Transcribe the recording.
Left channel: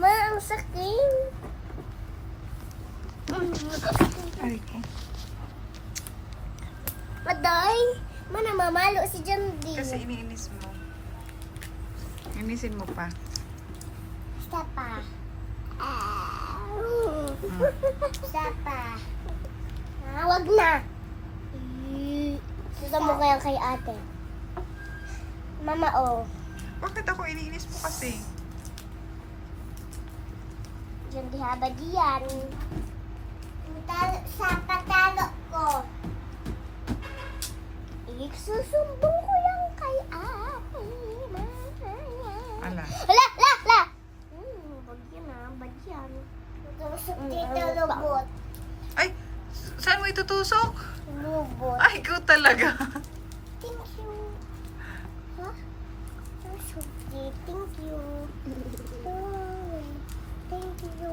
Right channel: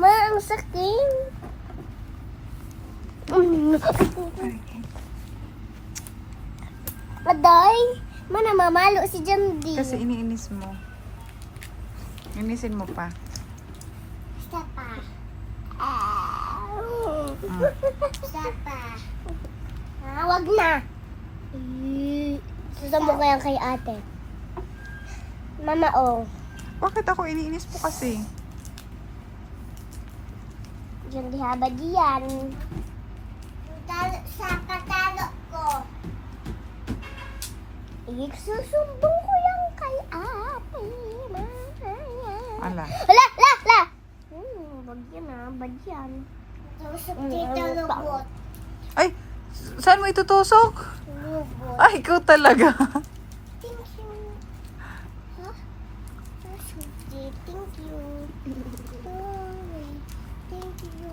Ma, ang sakit. Ay, Aday, ma, namamalo si Jamdi. kasi iniinis mo. Inisin mo pa. Isa pa. Isa pa. Wag na. Susubo ko yan kay ate. Mama, oh. Bakit ako iniinis mo kasi? Jamdi habad yan. Sa patalo ko. Susumbong ko yan kay ate. Ala. La! La! La! Bagyan na, bagyan. Tusok dito, lubot. Ay, saan mo itutusok? Lubot. Ay, ikaw talaga. Thank you. Ha? Tusok dito, thank you. Thank you.